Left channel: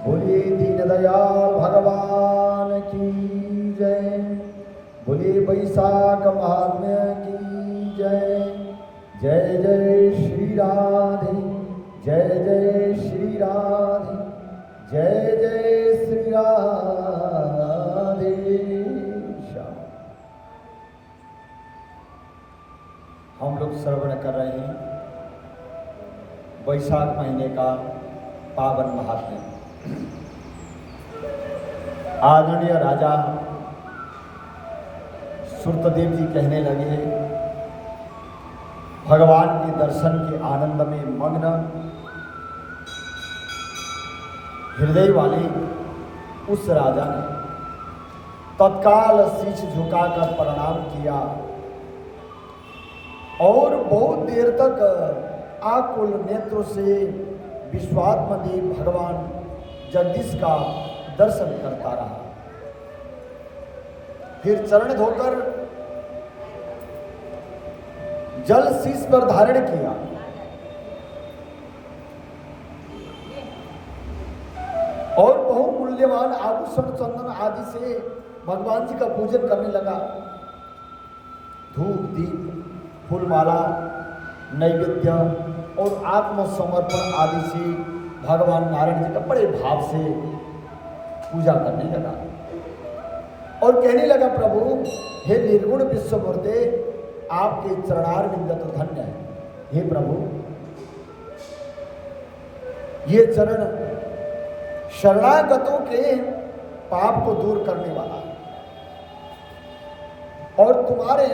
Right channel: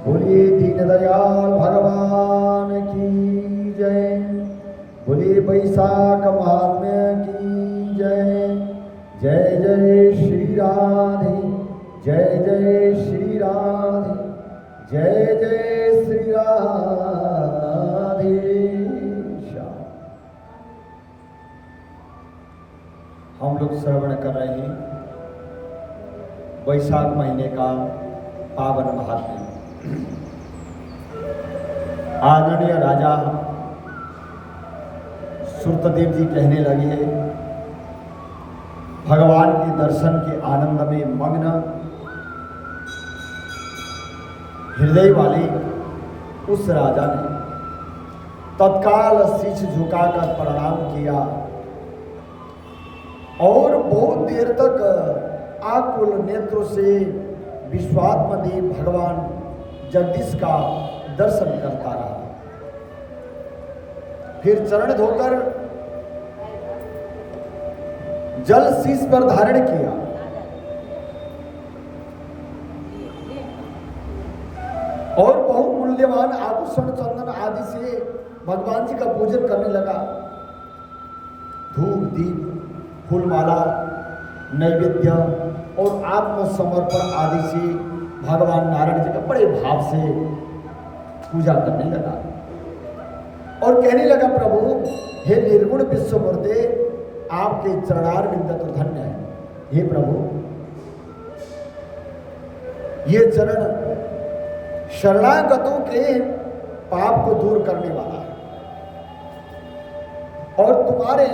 बोलिए दीनदयाल भगवान की जय। बोलिए वैशाख महात्म्य की जय। जय जय श्री राधे, जय जय श्री राधे, जय जय श्री राधे श्याम। हम लोग श्रवण कर रहे हैं वैशाख महीने का पावन महात्म्य। आदरणीय राजा सुरतदेव जी कहने लगे, भगवान के दर्शन के आनंद में मग्न हृदय वाले उस राजा ने तत्काल शीश झुकाकर प्रणाम किया और बहुत देर तक आकुल नेत्रों से विश्वात्मदेव भगवान जगदीश का दर्शन करता रहा। फिर चरण धोकर जल शीश पर धारण किया और बहुमूल्यवान आभूषण चंदन आदि से भगवान जी का पूजन करने लगा। धूप दीप फूलमाला नैवेद्य और आत्मसमर्पण आदि से भगवान नारायण जी का बड़े भाव से पूजा करने लगा और कहने लगा, प्रभु हे निर्गुण विश्वमूर्ते, आपके चरणार बिंद तो धन्य है। हे प्रभु, ये चरण शरणागतों के पाप को दूर करने वाला है और तुम्हारे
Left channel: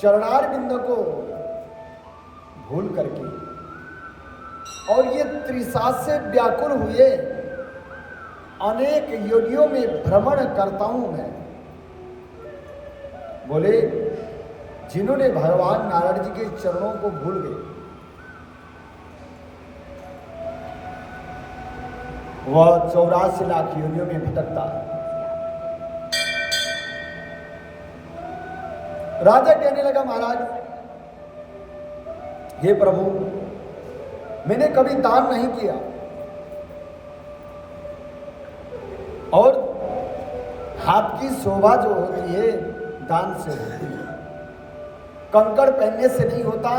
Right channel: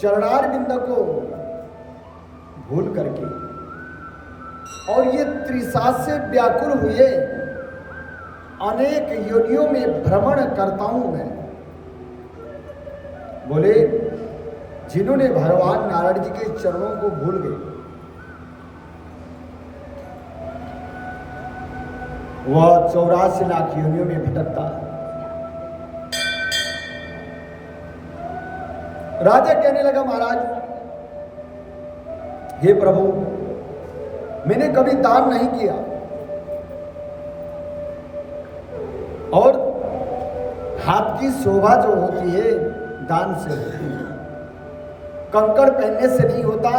चरणार बिंद को भूल करके और ये त्रिशा से व्याकुल हुए अनेक योनियों में भ्रमण करता हूं मैं। बोले, जिन्होंने भगवान नारायण जी के चरणों को भूल गए, वह 84 लाख योनियों में भटकता है। राजा कहने लगा, महाराज हे प्रभु, मैंने कभी दान नहीं किया और हाथ की शोभा जो होती है दान से होती है। कंकड़ पहनने से नहीं होता,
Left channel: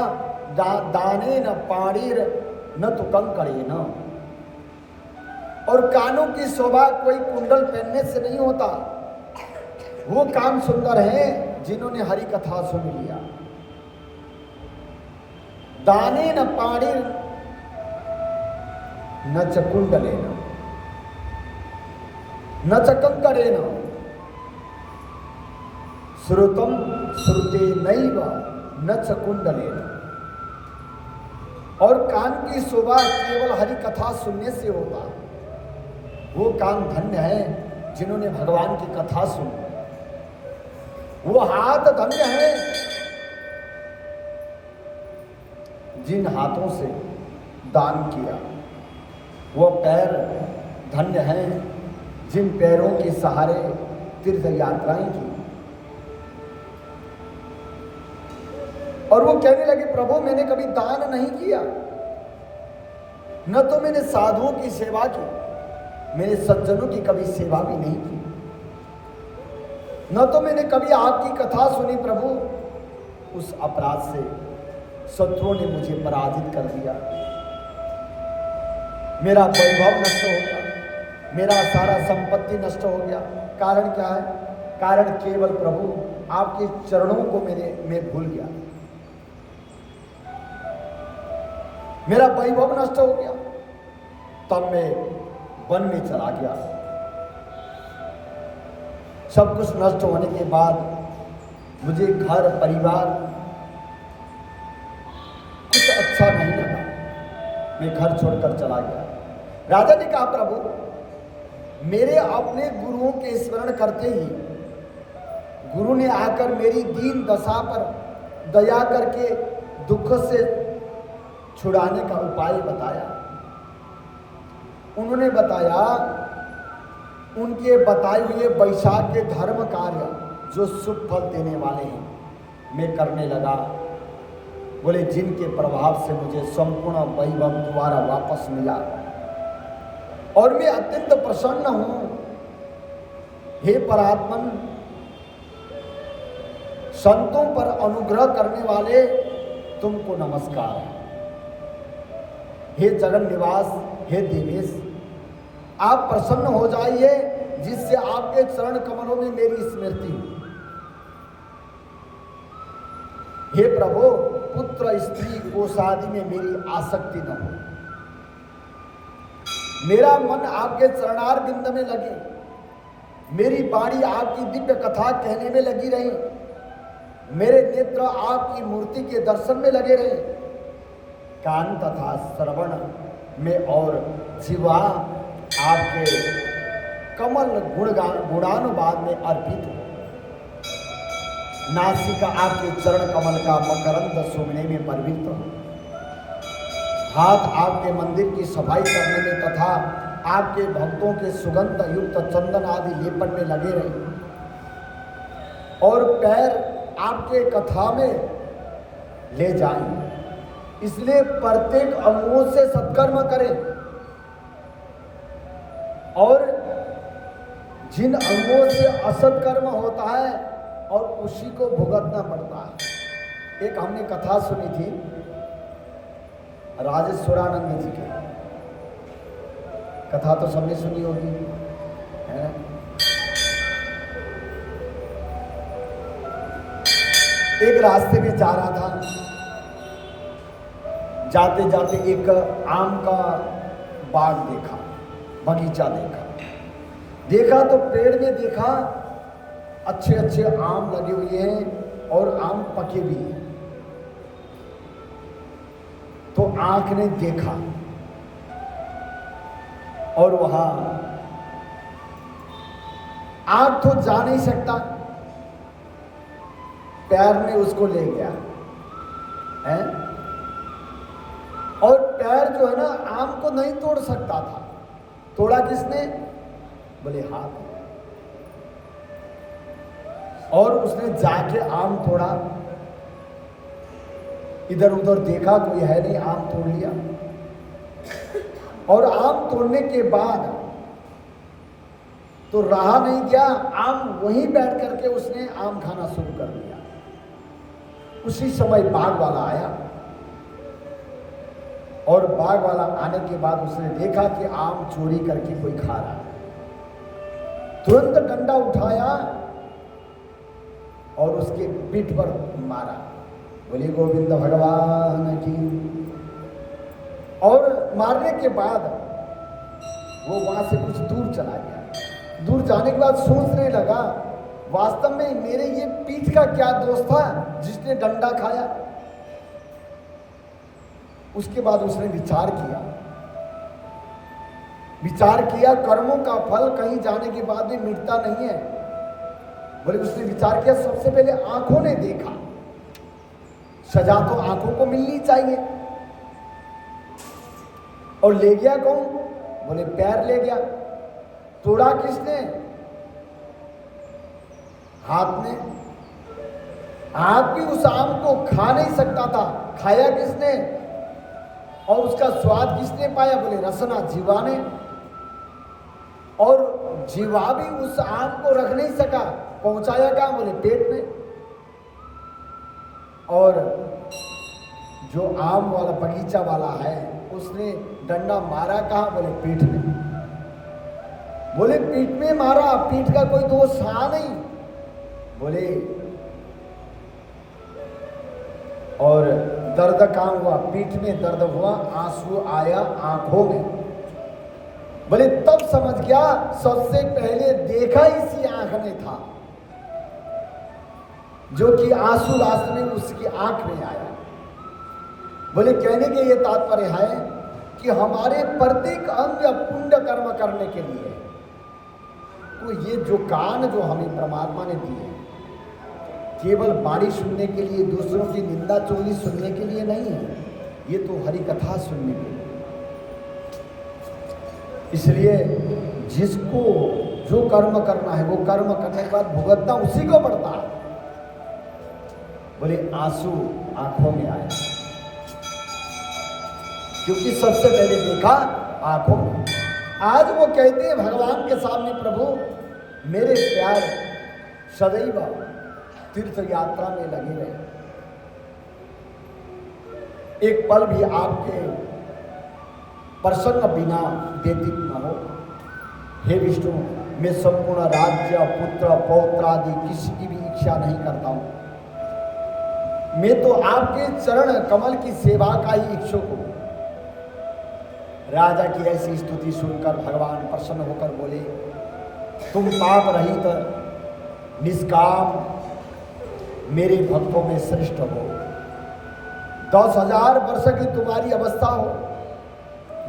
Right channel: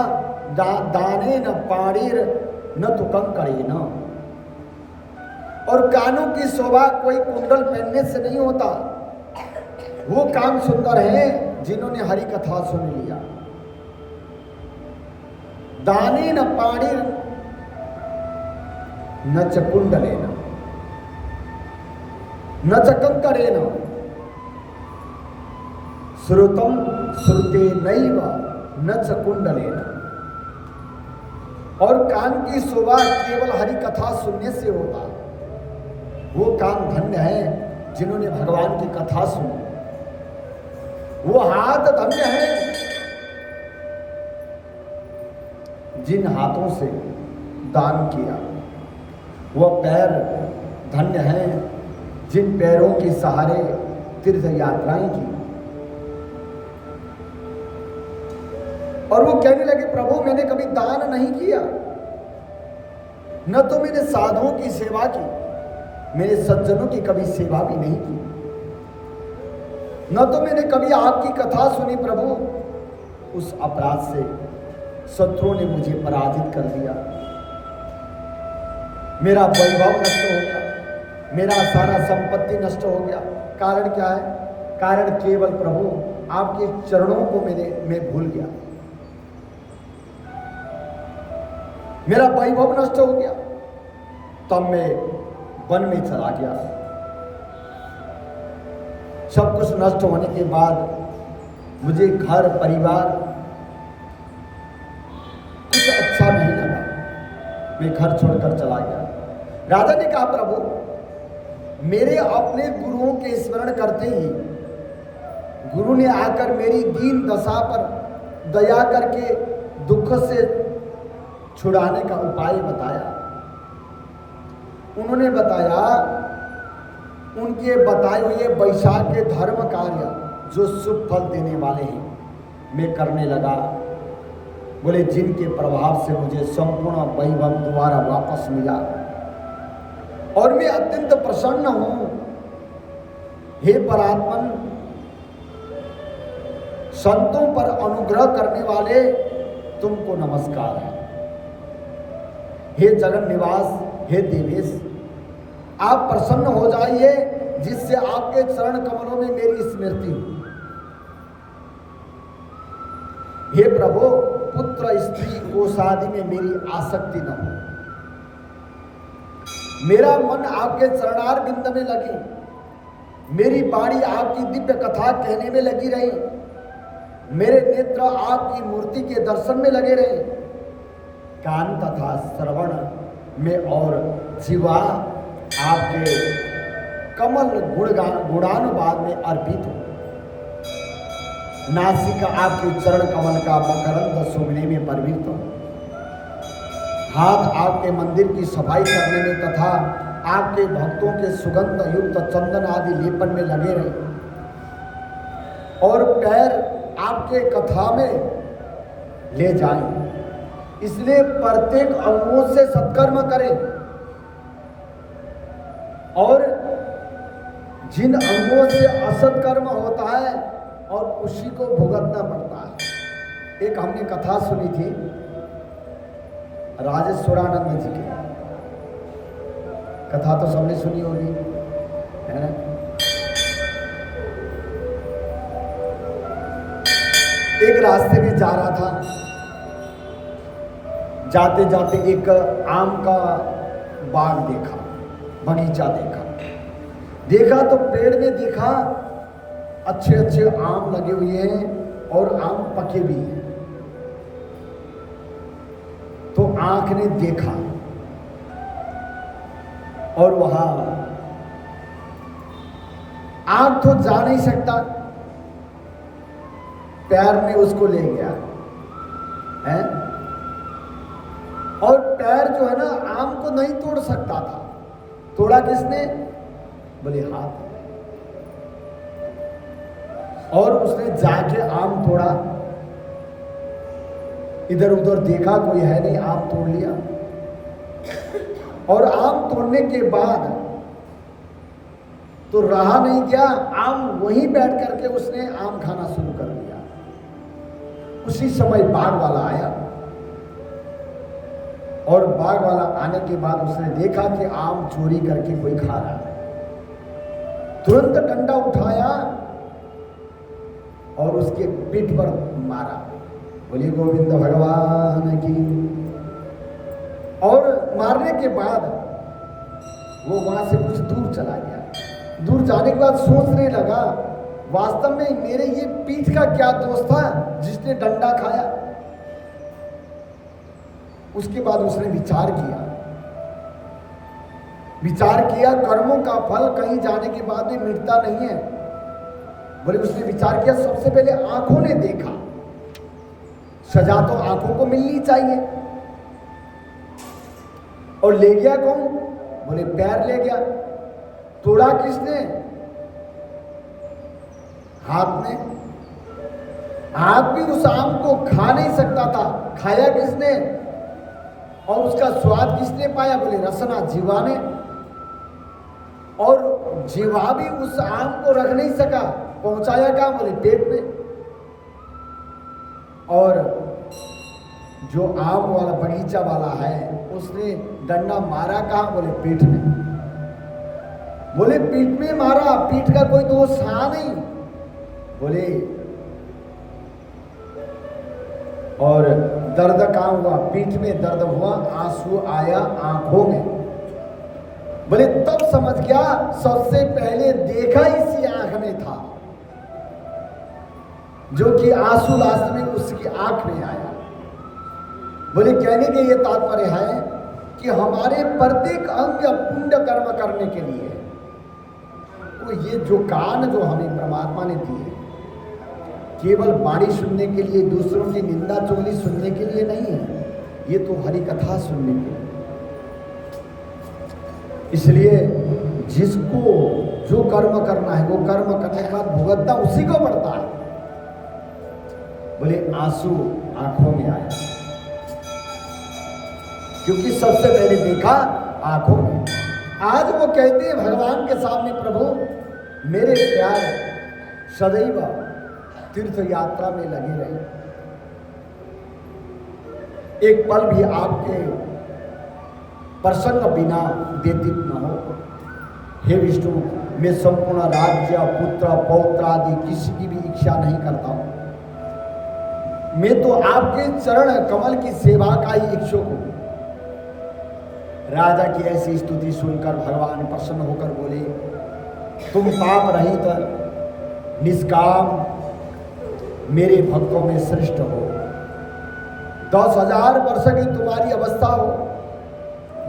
दाने न पाणीर न तो कंकड़े न। और कानों की शोभा कोई कुंडल पहनने से नहीं होता। वो काम सुंदर है जिन्होंने हरि कथा सुन लिया। दाने न पाणीर न च कुंडले न च कंकड़े न श्रुतम श्रुते नैव न च कुंडले न। और कान की शोभा केवल हरि कथा सुनने से होता। वो कान धन्य है जिन्होंने भगवान की कथा सुनी। वो हाथ धन्य है जिन हाथों से दान किया। वो पैर धन्य हैं जिन पैरों के सहारे तीर्थ यात्राएं की। और वो कहने लगे, प्रभु मैंने कभी दान नहीं किया, न तो मैंने साधुओं की सेवा की, मैंने सज्जनों की कभी सेवा भी नहीं की, न तो मैंने कभी आपकी कथा सुनी। प्रभु, उस अपराध से शत्रुओं ने मुझे पराजित कर दिया। मेरा वैभव नष्ट हो गया, मेरा सारा संपत्ति नष्ट हो गया। कारण क्या है? कारण केवल प्रभु आपके चरणों को मैं भूल गया। मेरा वैभव नष्ट हो गया, तब मैं वन में चला गया। सब कुछ नष्ट होने के बाद मुझे घर परिवार कुछ अच्छा नहीं लगा, मैं घर छोड़कर चला गया। राजा ने कहा, प्रभु मेरे अपने गुरुओं के स्मरण करते ही गुरु ने आकर मेरी दीन दशा पर दया करके दुख से छुड़ाने का उपाय बताया। उन्होंने बताया, उनके बताए हुए वैशाख के धर्म कार्य जो शुभ फल देने वाले हैं मैं करने लगा। बोले, जिनके प्रभाव से मुझे संपूर्ण वैभव दोबारा वापस मिला और मैं अत्यंत प्रसन्न हूं। हे परात्मन, संतों पर अनुग्रह करने वाले तुमको नमस्कार है। हे जगन निवास, हे देवेश, आप प्रसन्न हो जाइए जिससे आपके चरण कमलों में मेरी स्मृति हो। हे प्रभु, पुत्र स्त्री कोषादि में मेरी आसक्ति न हो। मेरा मन आपके चरणार बिंद में लगे, मेरी वाणी आपकी दिव्य कथा कहने में लगी रही, मेरे नेत्र आपकी मूर्ति के दर्शन में लगे रहे, कान तथा श्रवण में और जीवा आपके कमल गुणानुवाद में अर्पित हो। नासिका आपके चरण कमल का मकरंद सूंघने में प्रवृत्त हो। हाथ आपके मंदिर की सफाई करने में तथा आपके भक्तों के सुगंध युक्त चंदन आदि लेपन में लगे रहे, और पैर आपके कथा में ले जाएं। इसलिए प्रत्येक अंगों से सत्कर्म करें, और जिन अंगों से असत्कर्म होता है और उसी को भुगतना पड़ता है। एक हमने कथा सुनी थी राजेश्वरानंद जी के, कथा तो सबने सुनी होगी, है ना। एक रास्ते में जा रहा था, जाते जाते एक आम का बाग देखा, बगीचा देखा तो पेड़ में देखा अच्छे अच्छे आम लगे हुए हैं और आम पके भी हैं। तो आंख ने देखा और वहां आंख तो जा नहीं सकता, पैर ने उसको ले गया है, और पैर जो है ना आम को नहीं तोड़ सकता था। तोड़ा किसने? बोले हाथ। और उसने जाके आम तोड़ा, इधर उधर देखा कोई है नहीं, आम तोड़ लिया। और आम तोड़ने के बाद तो रहा नहीं गया, आम वहीं बैठ करके उसने आम खाना शुरू कर दिया। उसी समय बाग वाला आया, और बाग वाला आने के बाद उसने देखा कि आम चोरी करके कोई खा रहा है। तुरंत डंडा उठाया और उसके पीठ पर मारा, बोले गोविंद भगवान की। और मारने के बाद वो वहां से कुछ दूर चला गया। दूर जाने के बाद सोचने लगा, वास्तव में मेरे ये पीठ का क्या दोष था जिसने डंडा खाया। उसके बाद उसने विचार किया, कर्मों का फल कहीं जाने के बाद भी मिटता नहीं है। बोले उसने विचार किया, सबसे पहले आंखों ने देखा, सजा तो आंखों को मिलनी चाहिए। और ले गया कौन? बोले पैर ले गया। तोड़ा किसने? हाथ ने। हाथ भी उस आम को खा नहीं सकता था, खाया किसने? और उसका स्वाद किसने पाया? बोले रसना, जीवा ने। और जीवा भी उस आम को रख नहीं सका, पहुंचाया कहाँ? बोले पेट में। और जो आम वाला बगीचा वाला है उसने डंडा मारा कहाँ? बोले पीठ में। बोले पीठ में मारा, पीठ का कोई दोष था नहीं। बोले और दर्द कहाँ हुआ? पीठ में दर्द हुआ, आंसू आया आंखों में। बोले तब समझ गया सबसे पहले देखा इसी आंख ने था, जो कि आंसू लास्ट में उसकी आंख में आया। बोले कहने के ये तात्पर्य है कि हमारे प्रत्येक अंग पुण्य कर्म करने के लिए, तो ये जो कान जो हमें परमात्मा ने दिए, केवल वाणी सुनने के लिए, दूसरों की निंदा चुगली सुनने के लिए नहीं है, ये तो हरि कथा सुनने के लिए। इसलिए जिसको जो कर्म करना है वो कर्म करने के बाद भुगतना उसी को पड़ता है। बोले आंसू आंखों में आया, क्योंकि सबसे पहले देखा आंखों में। आज वो कहते हैं भगवान के सामने, प्रभु मेरे प्यार सदैव तीर्थ यात्रा में लगे रहे, एक पल भी आपके प्रसंग बिना व्यतीत न हो। हे विष्णु, मैं संपूर्ण राज्य, पुत्र, पौत्र आदि किसी की भी इच्छा नहीं करता हूं। मैं तो आपके चरण कमल की सेवा का ही इच्छुक हूं। राजा की ऐसी स्तुति सुनकर भगवान प्रसन्न होकर बोले, तुम पाप रहित निष्काम मेरे भक्तों में श्रेष्ठ हो। 10,000 वर्ष की तुम्हारी अवस्था हो,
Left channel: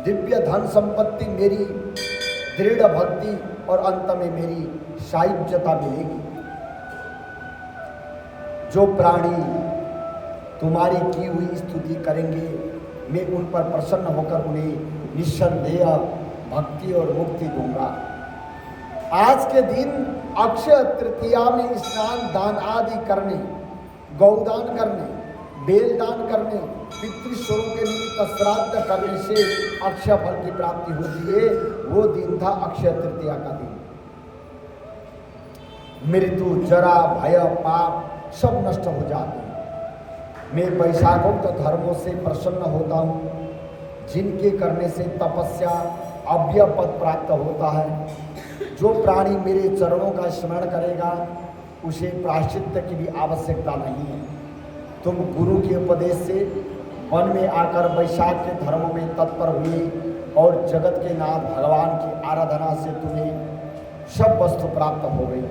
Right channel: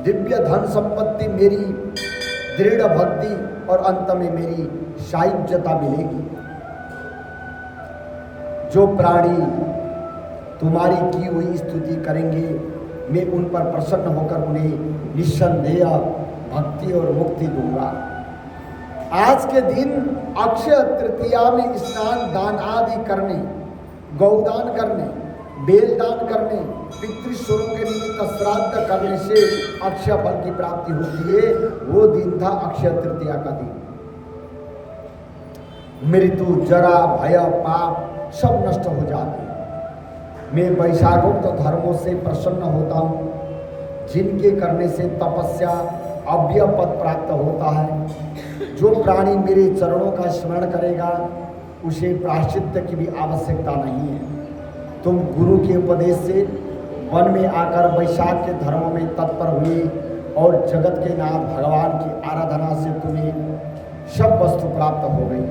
दिव्य धन संपत्ति, मेरी दृढ़ भक्ति और अंत में मेरी साहित्यता मिलेगी। जो प्राणी तुम्हारी की हुई स्तुति करेंगे, मैं उन पर प्रसन्न होकर उन्हें निस्संदेह भक्ति और मुक्ति दूंगा। आज के दिन अक्षय तृतीया में स्नान दान आदि करने, गौदान करने, बेलदान करने, पितृश्वरों के निमित्त श्राद्ध करने से अक्षय फल की प्राप्ति होती है। वो दिन था अक्षय तृतीया का दिन। मृत्यु, जरा, भय, पाप सब नष्ट हो जाते हैं। मैं वैशाखोक्त धर्मों से प्रसन्न होता हूँ, जिनके करने से तपस्या अव्यय पद प्राप्त होता है। जो प्राणी मेरे चरणों का स्मरण करेगा, उसे प्रायश्चित्त की भी आवश्यकता नहीं है। तुम गुरु के उपदेश से वन में आकर वैशाख के धर्म में तत्पर हुए और जगत के नाथ भगवान की आराधना से तुम्हें सब वस्तु प्राप्त हो गई।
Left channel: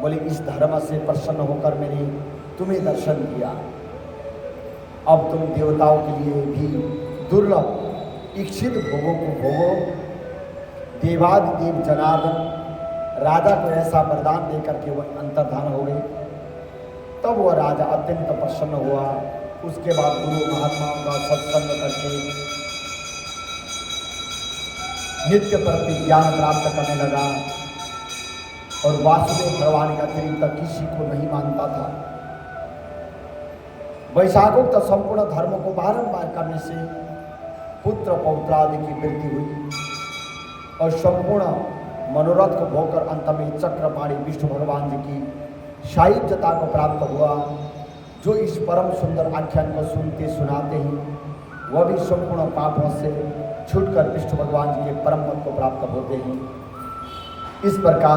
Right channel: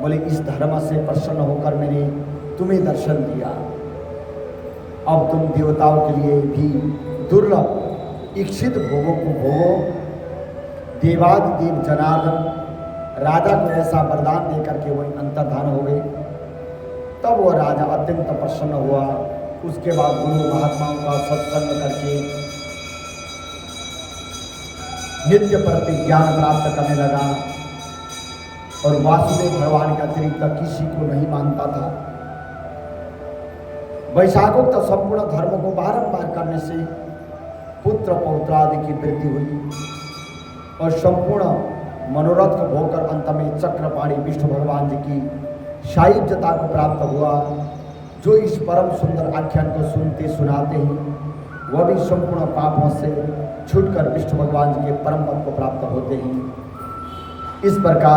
बोले, इस धर्म से प्रसन्न होकर मैंने तुम्हें दर्शन दिया। अब तुम देवताओं के लिए भी दुर्लभ इच्छित भोगों को भोगो। देवादिदेव जनार्दन राजा को ऐसा वरदान देकर के वही अंतर्धान हो गए। तब वह राजा अत्यंत प्रसन्न हुआ। उसके बाद गुरु महात्माओं का सत्संग करके नित्य प्रति ज्ञान प्राप्त करने लगा और वासुदेव भगवान के अतिरिक्त किसी को नहीं मानता था। वैशाखोक्त संपूर्ण धर्म को बारंबार करने से पुत्र पौत्र आदि की वृद्धि हुई और संपूर्ण मनोरथ को भोगकर अंत में चक्रपाणी विष्णु भगवान जी की साहित्यता को प्राप्त हुआ। जो इस परम सुंदर आख्यान को सुनते सुनाते हैं, वह भी संपूर्ण पापों से छूटकर विष्णु भगवान जी के परम पद को प्राप्त होते हैं। इस प्रकार